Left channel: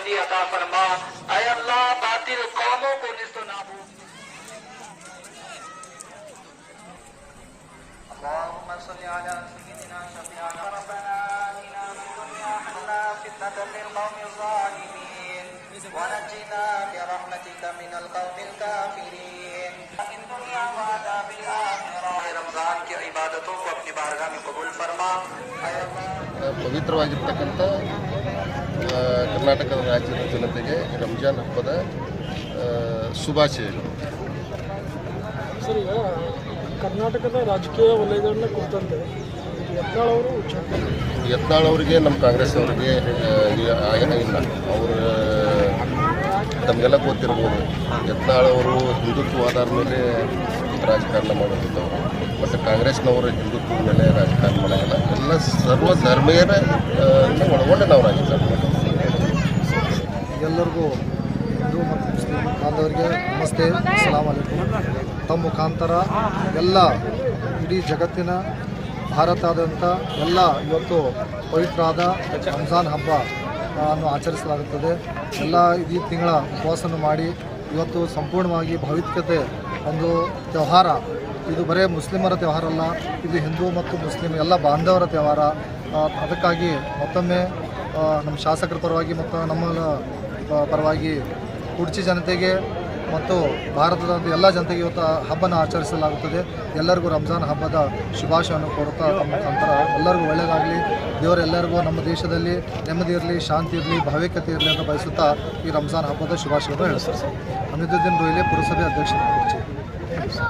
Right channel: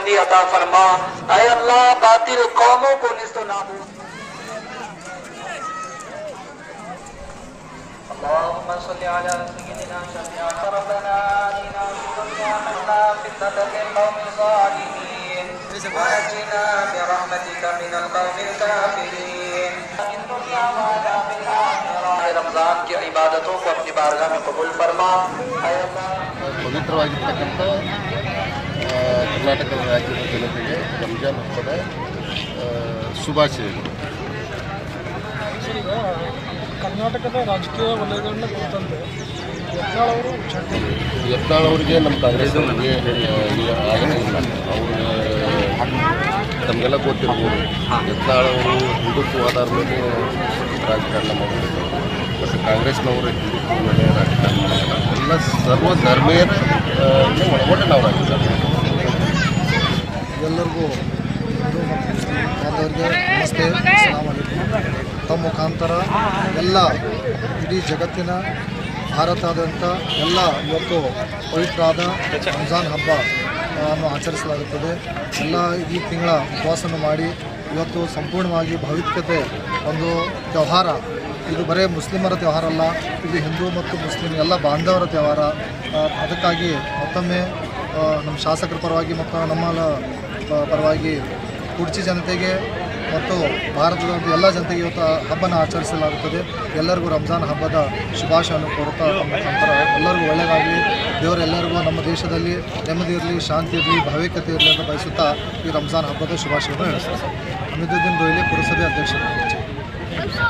बंदी अदा फरमा अय अल्लाह बातिल कौमों को निस्तो नाबूद اللهم صل على سيدنا شفيع ربنا آتنا في الدنيا حسنة فتنة القوم الظالمين وأجنا برحمتك من القوم الكافرين في الدنيا وعذاب الآخرة رمضان की इबादतों को अपनी बारगाह में कबूल फरमा पवित्र वाजिब तक करता है ಕರ್ನಾಟಕದ ರಾಜ್ಯದ ಜನತೆಗೆ ರಂಜಾನ್ ಹಬ್ಬದ ಶುಭಾಶಯಗಳು. ಕರ್ನಾಟಕದ ರಾಜಕೀಯ ವಲಯಗಳನ್ನ ಕುರಿತಂತೆ ಯತ್ನಾಳ್ ಅವರು ಯತ್ನಾಳ್ ಅವರಿಗೆ ನಮ್ಮ ಕಾಂಗ್ರೆಸ್ನವರಿಗೆ ಆಗಲೇ ಇಲ್ಲ. ಅವರು ತಮಗೆಲ್ಲ ಗೊತ್ತಿರ್ಬೋದು. ಯತ್ನಾಳ್ ಅವರು ಆಧಾರದ ಮೇಲೆ ರಾಜಕಾರಣ ಮಾಡೋದಿಲ್ಲ ಮತ್ತು ಕಾಂಗ್ರೆಸ್ನವರು ಹಿಂದುತ್ವ ಮೇಲೆ ರಾಜಕಾರಣ ಮಾಡೋದಿಲ್ಲ ಎಲ್ಲ ಸರ್ವ ಧರ್ಮೀಯರ ಒಳಗೊಂಡೆ ನಾವು ರಾಜಕಾರಣ ಎಲ್ಲರಿಗೂ ಬಾಂಧವರಿಗೆ ನಮಸ್ತೆ ತಮ್ಮ ಮುಖಾಂತರ ಎಲ್ಲ ಇಡೀ ಜಗತ್ತಿನ ಭಾರತಾದ್ಯಂತ ಎಲ್ಲ ಇವತ್ತು ಪವಿತ್ರವಾದ ರಂಜಾನ್ ಹಬ್ಬ ಅನ್ನು ಆಚರಿಸಲಾಗುತ್ತದೆ. ಎಲ್ಲ ಈ ತಿಂಗಳ ಉಪವಾಸವನ್ನು ಮಾಡಿ ಇವತ್ತು ಸಂಪೂರ್ಣವಾಗಿ ಭಾವಿಕತೆ ಒಂದು ವ್ಯವಹಾರ. ಇದು ಬರೇ ಮುಸ್ಲಿಮರ ತ್ಯವಹಾರ ಅಲ್ಲ, ಇದು ಹಿಂದೂ ಮತ್ತು ಮುಸ್ಲಿಂ ಎಲ್ಲ ಬಾಂಧವರ ತ್ಯವಹಾರ ಅದಕ್ಕಾಗಿ ಮತ್ತೊಮ್ಮೆ ನಮ್ಮ ಶಾಸಕರ ಪರವಾಗಿ ಮತ್ತು ನಮ್ಮ ಪರವಾಗಿ ಕುರ್ಚಿ ಜನತೆಗೆ ಮತ್ತು ಭಾರತದ ಒಂದು ಎಲ್ಲ ಜನತೆಗೆ ಇವತ್ತು ಹಬ್ಬನ ಆಚರಿಸಲಾಗುತ್ತದೆ. ಎಲ್ಲರಿಗೂ ರಂಜಾನ್ ಹಬ್ಬದ ಶುಭಾಶಯವನ್ನು ಕೋರುತ್ತಾ ಎಲ್ಲರಿಗೂ ಒಳ್ಳೆಯದಾಗಲಿ ದೇವರೆಲ್ಲರಿಗೂ ನಮ್ಮ ದೇಶದಲ್ಲಿ ನೆಮ್ಮದಿ ಇರಲಿ, ಶಾಂತಿ ಇರಲಿ ಭಾವಿಕತೆ ಇರಲಿ ಅಂತ ಬಯಸುತ್ತಾ ಈ ರಂಜಾನ್ ಹಬ್ಬದ ಶುಭಾಶಯವನ್ನು ಹೇಳ್ತಾರೆ ಹಮೀದುದ್ದೀನ್ ರೋಹಿಲೆ ಪುರಸಭೆ ಅಧ್ಯಕ್ಷರು